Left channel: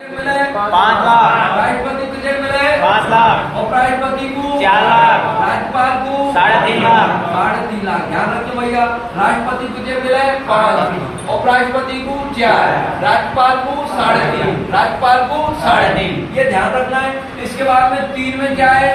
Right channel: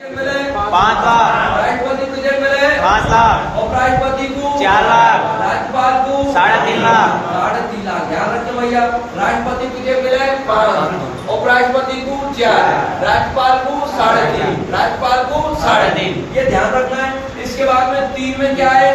5 लाख, राष्ट्रपति को कितने मिले? 5 लाख, उपराष्ट्रपति को 4 लाख, राज्यपाल को 3.5 लाख, 3.5 लाख। ध्यान रखना भैया, राष्ट्रपति को कितने मिले? 5, उपराष्ट्रपति को 4, राज्यपाल को 3.5, राज्यपाल को 3.5। ये ध्यान रखना है। इसके बाद में 3 में क्या है?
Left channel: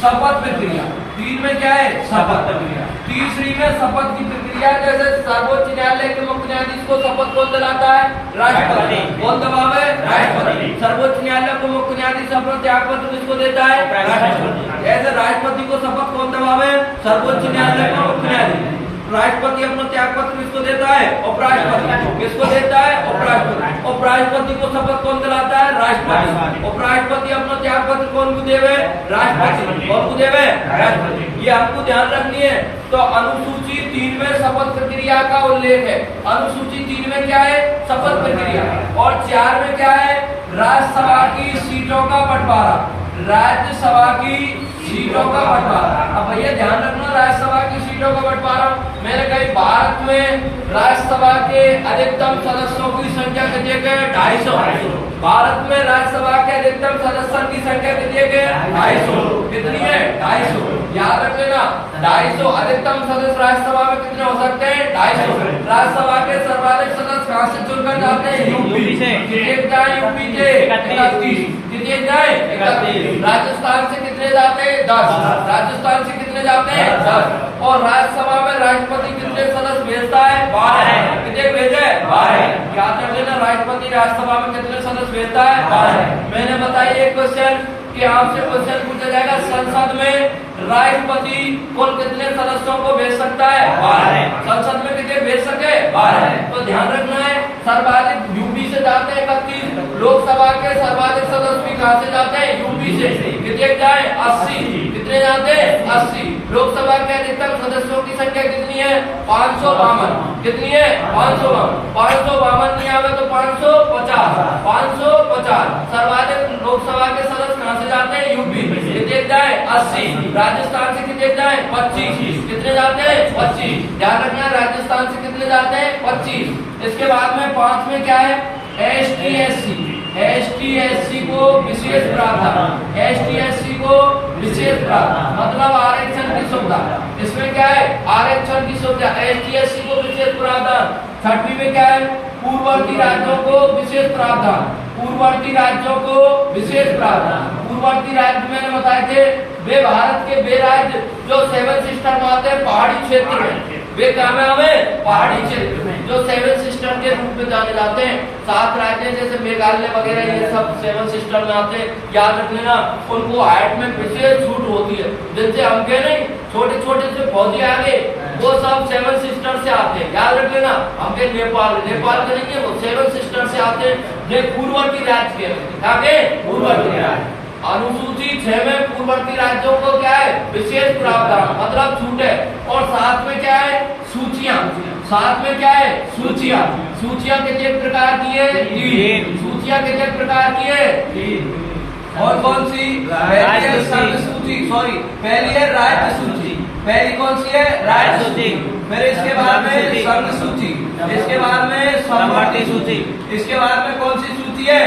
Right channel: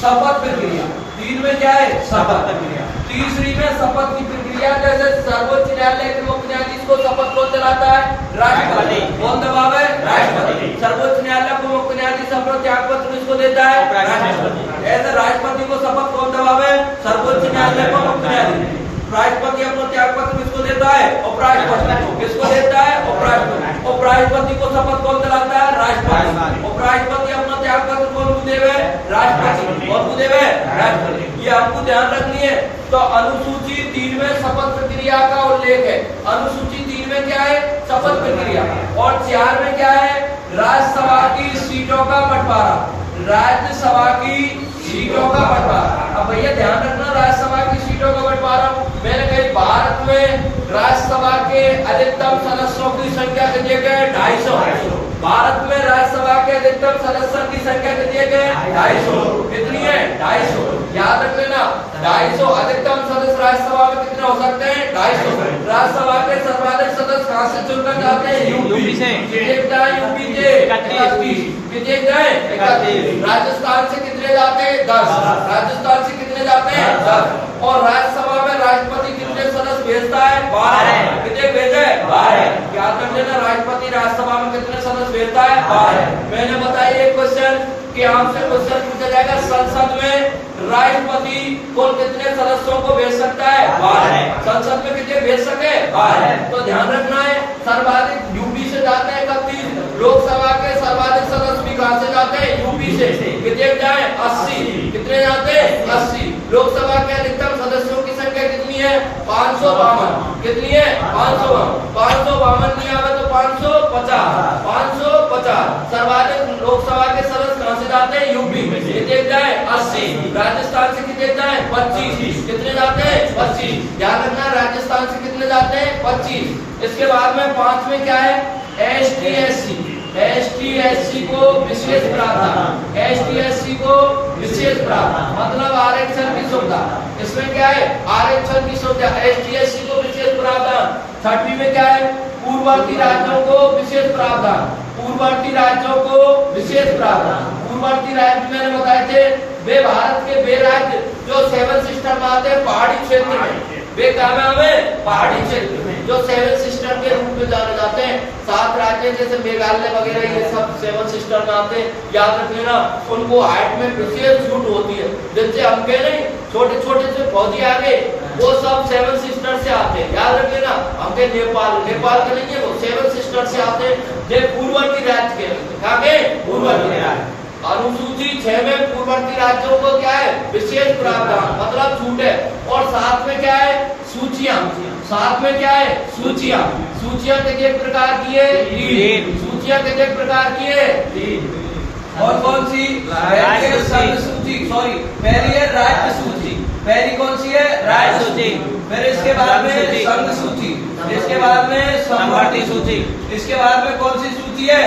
शपथ प्रक्रिया। 3 में क्या है? शपथ प्रक्रिया। तीसरी में शपथ की प्रक्रिया, जैसे सर्वोच्च न्यायालय के मुख्य न्यायाधीश को शपथ कौन दिलाता है? राष्ट्रपति। कौन दबावे? राष्ट्रपति। सर्वोच्च न्यायालय को मुख्य न्यायाधीश अपना त्याग पत्र किसको देता है? राष्ट्रपति। ऐसे राष्ट्रपति को शपथ कौन दिलावे? सर्वोच्च न्यायालय को मुख्य न्यायाधीश। राष्ट्रपति अपना त्याग पत्र किसको देता है? उपराष्ट्रपति। किसको देता है? उपराष्ट्रपति। उपराष्ट्रपति को शपथ कौन दिलाता है? राष्ट्रपति। उपराष्ट्रपति अपना त्याग पत्र कौन को देवे? राष्ट्रपति। कौन को देवे? राष्ट्रपति। ये आपको ध्यान रखनी है। तो अनुसूची 3 में शपथ प्रक्रिया का उल्लेख है। अनुसूची 3 में क्या है? शपथ प्रक्रिया। और 4 में क्या है? राज्यसभा की सीटों का बंटवारा। राज्यसभा की सीटों का बंटवारा। अब भैया ध्यान रखना, राज्यसभा की सीटों का बंटवारा मैंने कही, भारत में राज्यसभा के अधिकतम सदस्यों की संख्या कितनी है? 250। भारत में राज्यसभा के अधिकतम सदस्यों की संख्या कितनी है? 250। कितनी है? 250। याद रख लेना, 250 अधिकतम सदस्य राज्यसभा में कितने हो सकते हैं? 250। राज्यसभा के सर्वाधिक सदस्य कहां से चुनकर जाते हैं? यूपी से। कितने यूपी से? 31। कितने जाए? 31। राजस्थान से कितने जाते हैं? 10। राजस्थान से कितने जाते हैं? 10। और राज्यसभा में राष्ट्रपति कितने सदस्य भेजता है? 12। कितने भेजे? 12। याद रख लेना, राष्ट्रपति राज्यसभा में कितने सदस्य भेजता है? 12। मैंने बताया एक क्वेश्चन कि आपसे क्वेश्चन पूछा जाएगा, संसद में राष्ट्रपति कुल कितने सदस्यों को भेज सकता है? 12। संसद में कितने भेज सके? 12। तो ध्यान रखना है, सर्वाधिक यूपी से जाते हैं 31। लोकसभा के सर्वाधिक सदस्य भी कहां से जाते हैं? यूपी से। कितने जाए? 80। कितने जाते हैं? 80। लोकसभा के अधिकतम सदस्यों की संख्या कितनी है? 552। कितनी है? 552। 552 नहीं आवे तो 550। 550। सर्वाधिक लोकसभा के सदस्य कहां से जाते हैं? यूपी। कितने जाए? 80। राजस्थान से कितने जाए? 25। कितने जाते हैं? 25। ध्यान रखना, राजस्थान से कितने जाते हैं? 25। इसके बाद में 5 में क्या है? एसटी एससी को विशेष प्रावधान। एसटी को विशेष प्रावधान मतलब आरक्षण की सुविधा। इसमें क्या है? आरक्षण की सुविधा। एसटी को विशेष प्रावधान। 6वीं में क्या है? पूर्ववर्ती राज्यों को विशेष प्रावधान। पूर्ववर्ती राज्यों को विशेष प्रावधान। पूर्ववर्ती राज्य मैंने बताए थे, वे भारत के वे राज्य जो 7 सिस्टर में आते हैं पहाड़ी क्षेत्र में। वे क्या में हमें? पहाड़ी क्षेत्र में, जो 7 सिस्टर के रूप में जाने जाते हैं। 7 राज्य जैसे मेघालय वगैरह, ये सब 7 सिस्टर में आते हैं। याद रख लेना, उनको हाइट में विशेष छूट होती है। जैसे हम के नहीं, छोटे छोटे से पौधे आ गए, वो सब 7 सिस्टर से आते हैं। याद रख लेना, हम के नेपाल के नहीं, वो 7 सिस्टर से आते हैं। ये पूर्ववर्ती राज्य के पूर्ववर्ती राज्य। अनुसूची 6 में पूर्ववर्ती राज्यों को क्या है? विशेष प्रावधान मतलब छूट है। और 7 में क्या है? सूचियां। 7 में क्या है? सूचियां। सूचियां कितने प्रकार की है? 3। सूचियां कितने प्रकार की है? 3। और कौन सी? राज्य सूची। सॉरी, पहली है राज्य सूची। पहली कौन सी है? राज्य सूची। फिर इसके बाद में संघ सूची। इसके बाद में समवर्ती सूची। इसके बाद में कौन सी सूची है?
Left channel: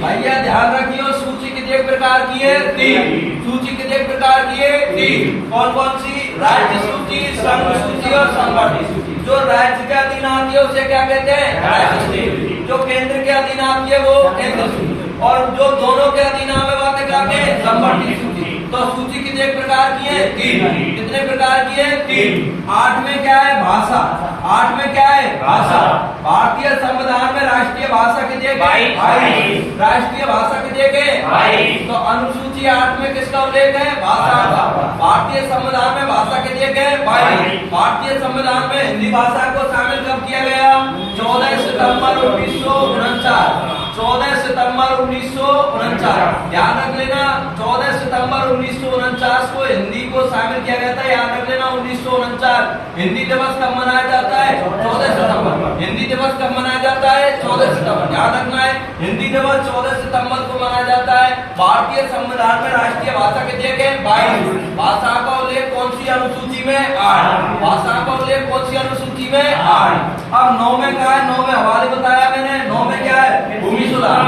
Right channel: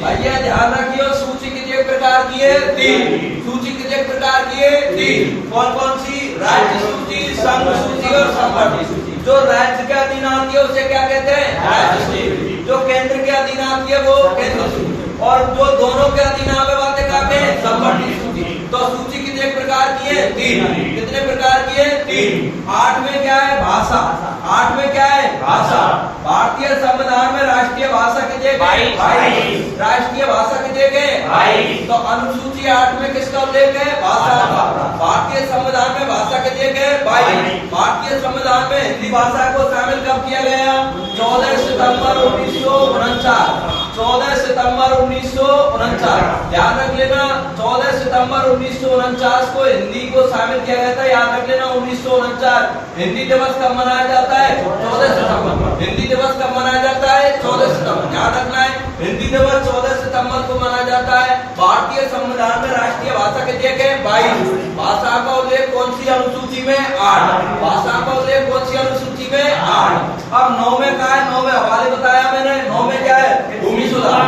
भैया ध्यान रखियो, सूची कितने प्रकार की है? 3। सूची कितने प्रकार की है? 3। कौन कौन सी? राज्य सूची, संघ सूची और समवर्ती सूची। जो राज्य के अधीन आती है उसे क्या कहते हैं? राज्य सूची। जो केंद्र के अधीन आती है वो केंद्र सूची। और जो दोनों के अधीन आने वाले क्या कहते हैं? समवर्ती सूची। तो सूची कितने प्रकार की है? 3। कितने प्रकार की है? 3। 8 में क्या है? भाषा। 8 में क्या है? भाषा। भारतीय संविधान में राष्ट्रीय भाषा कितने? 22। राष्ट्रीय भाषा कितने के? 22। तो अनुसूची 8 में किसका उल्लेख है? भाषा का। भारतीय संविधान में भाषा कितने के? 22। भारतीय संविधान में हिंदी भाषा को शामिल कब किया गया? 14 सितंबर 1949। 14 सितंबर 1949। याद रख लेना, 14 सितंबर 1949 को हिंदी को शामिल किया गया था। याद रख लेना, 1949। हिंदी दिवस कब मनाया जाता है? 14 सितंबर। हिंदी दिवस कब मनाया जाता है? 14 सितंबर। याद रखना है, हिंदी दिवस 14 सितंबर को मनाया जाता है। भारतीय संविधान में राष्ट्रीय भाषा कितने के? 22। भाषा का उल्लेख कौन सी अनुसूची में? 8। भाषा का उल्लेख कौन सी अनुसूची में? 8। अब 9 में क्या है? 9 में हवाले बताया मैंने। 9 में क्या है? भूमि सुधार।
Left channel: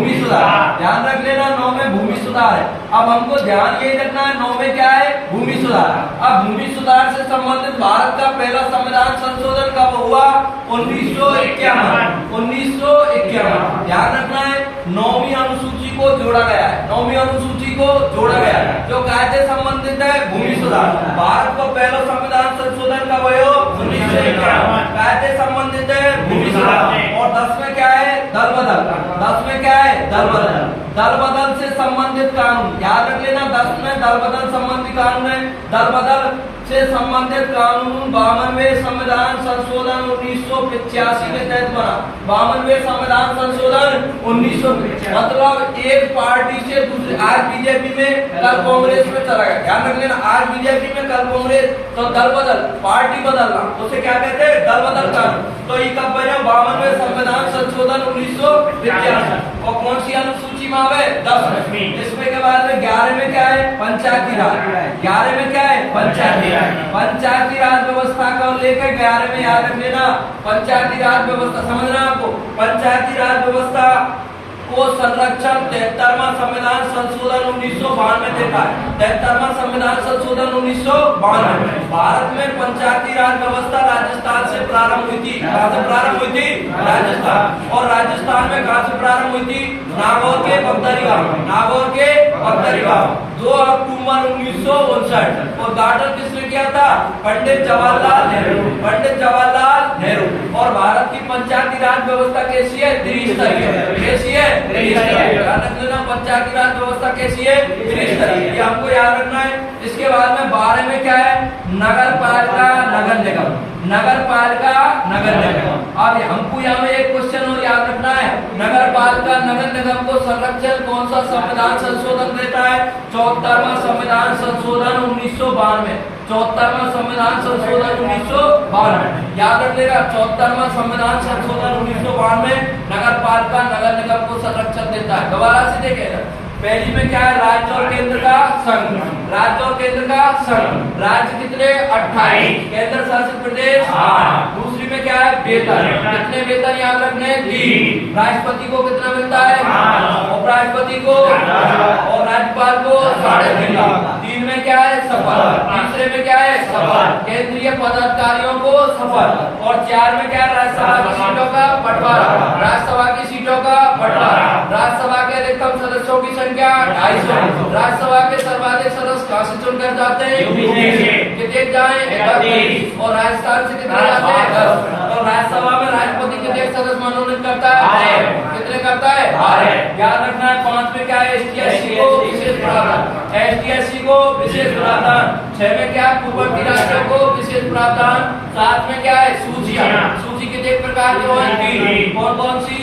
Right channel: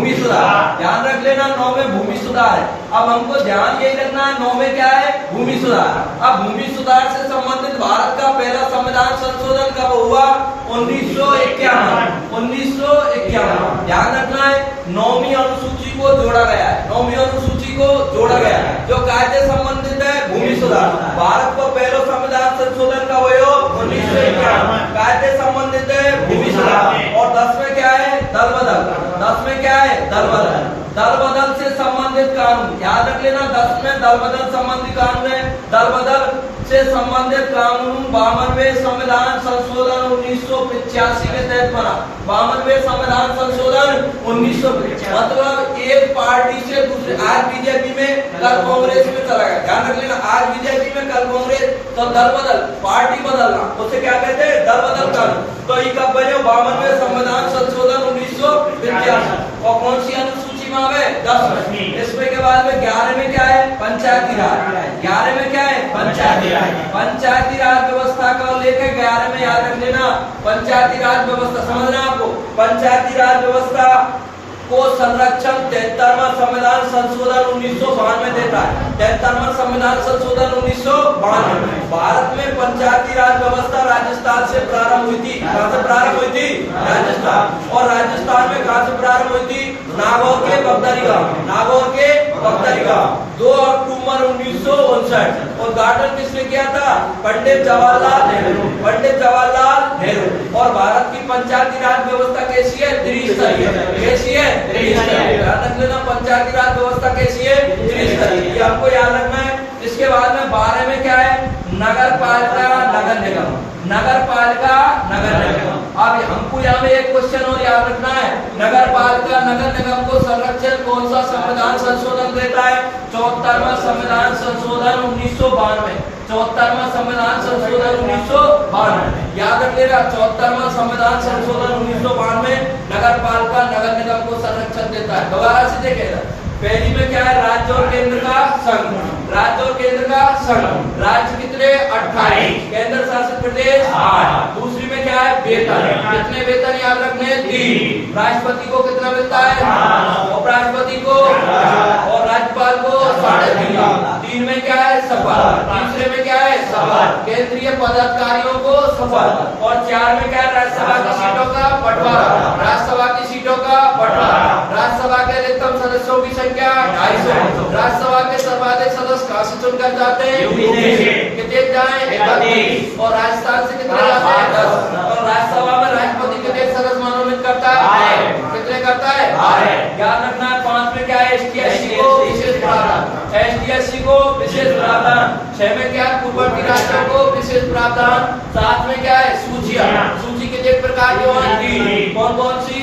भूमि सुधार। ध्यान रख लेना 9 में भूमि सुधार है। अब हमको ध्यान यही रखना है 9 में क्या है, भूमि सुधार। अब भूमि सुधार से संबंधित भारत का पहला संविधान संशोधन कब हुआ, 1951। 1951 ध्यान रखना है 9वीं अनुसूची को जोड़ा गया है, 9वीं अनुसूची को जोड़ा गया है जो कायदे संबंधित है भूमि सुधार। भारत को पहला संविधान संशोधन कब हुआ, 1951 कायदे संबंधित है भूमि सुधार। और 10 में क्या है, दल बदल। 10 में क्या है, दल बदल। दल बदल से संबंधित कानून याद रख लेना, 10 में दल बदल संबंधी कानून है। दल बदल से संबंधित कानून 52वें संविधान संशोधन 1985 के तहत बना। 52वें संविधान संशोधन 1985 मतलब एक पार्टी से दूसरी, आज बीजेपी में कल कांग्रेस में चला गया। ध्यान रख लेना, आज बीजेपी में कल कांग्रेस, तो दल बदल पार्टी बदलना उसे क्या कहते हैं, दल बदल कानून। तो ये कब बना, 52वें संविधान संशोधन 1985। और कौन सी अनुसूची में आवे, 10। इसमें के बाद में 11 में क्या है, पंचायती राज। 11 में क्या है, पंचायती राज। पंचायती राज व्यवस्था को लेकर 11 में याद रख लेना, पंचायती राज व्यवस्था समझना आपको। पंचायती राज व्यवस्था को संरक्षण 73वां संविधान संशोधन 1992 देता है। 73वां संविधान संशोधन 1992। भारत में पंचायती राज व्यवस्था राजस्थान से प्रारंभ हुई थी। कहां से प्रारंभ हुई थी, राजस्थान। और राजस्थान में कहां से प्रारंभ हुई थी, नागौर के बगदरी गांव। नागौर के बगदरी गांव 2 अक्टूबर 1959। और गार्डन किसने किया था, पंडित जवाहरलाल नेहरू। पंडित जवाहरलाल नेहरू। और भारत की पंचायती राज व्यवस्था कैसी है, त्रिस्तरीय। कैसी है, ध्यान रख लेना, पंचायती राज व्यवस्था कैसी है, त्रिस्तरीय। ये हमको याद रखना है। इसके बाद में 12 में क्या है, नगर पालिका नगर निगम। नगर पालिका नगर निगम। अब हमको यहाँ में एक क्वेश्चन और याद रखना है, नगर पालिका नगर निगम को संरक्षण कौन सा संविधान संशोधन देता है, 74वां संविधान संशोधन 1992। 74वां संविधान संशोधन 1992 याद रख लेना, 74वां संविधान संशोधन 1992 नगर पालिका नगर निगम को संरक्षण देता है। दोबारा से देखेगा, पहली में क्या है, राज्य और केंद्र का संघ। राज्य और केंद्र का संघ। राज्य कितने, 28। केंद्र शासित प्रदेश 8। दूसरी में क्या है, वेतन। कितने वेतन याद रखने, 3। राष्ट्रपति को कितना मिलता है, उपराष्ट्रपति को और राज्यपाल को 3.5। 3 में क्या है, शपथ। तीसरे में क्या है, शपथ। केंद्रीय पदाधिकारियों को शपथ। और 4 में क्या है, राज्यसभा की सीटों का बंटवारा। राज्यसभा की सीटों का बंटवारा। राज्यसभा के अधिकतम सदस्यों की संख्या 250। राज्यसभा के सर्वाधिक सदस्य कहां से चुनकर जाते हैं, कितने जाए, 31। और राजस्थान से कितने जाते हैं, 10। और राज्यसभा में राष्ट्रपति कितने सदस्य मनोनीत करता है, कितने करता है, 12। याद रखना है। 5 में क्या है, ST/SC को विशेष प्रावधान। ST/SC को विशेष प्रावधान। 6 में क्या है, पूर्ववर्ती राज्यों को विशेष प्रावधान। 7 में क्या है, सूचियां। सूची कितने प्रकार की होती, कौन कौन सी,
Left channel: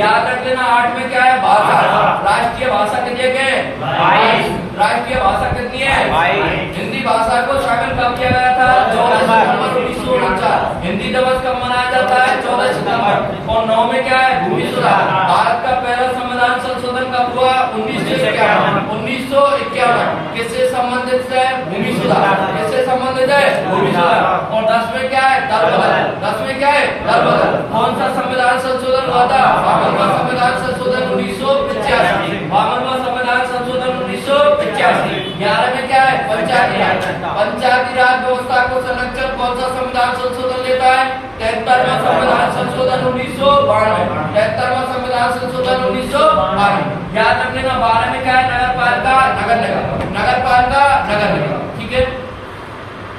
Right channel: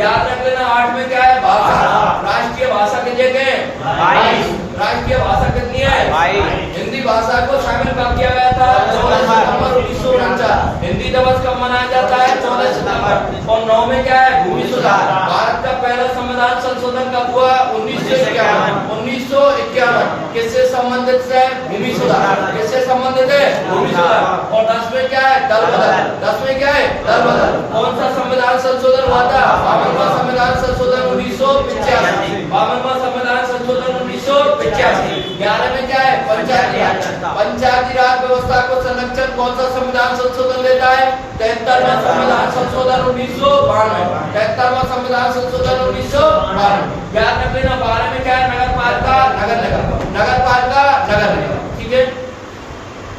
याद रख लेना। 8 में क्या है, भाषा। राष्ट्रीय भाषा कितने के, 22। राष्ट्रीय भाषा कितनी है, 22। हिंदी भाषा को शामिल कब किया गया था, 14 सितंबर 1949। हिंदी दिवस कब मनाया जाता है, 14 सितंबर। और 9 में क्या है, भूमि सुधार। भारत का पहला संविधान संशोधन कब हुआ, 1951। 1951 किससे संबंधित है, भूमि सुधार। किससे संबंधित है, भूमि सुधार। और 10 में क्या है, दल बदल। 10 में क्या है, दल बदल। कौन सा संविधान संशोधन हुआ था, 52वां संविधान संशोधन 1985। 52वां संविधान संशोधन 1985। 11 में क्या है, पंचायती राज। पंचायती राज व्यवस्था को संरक्षण कौन सा संविधान संशोधन देता है, 73वां संविधान संशोधन 1992। 73वां संविधान संशोधन 1992 याद रख लेना। 12 में क्या है, नगर पालिका नगर निगम। नगर पालिका नगर निगम, ठीक है।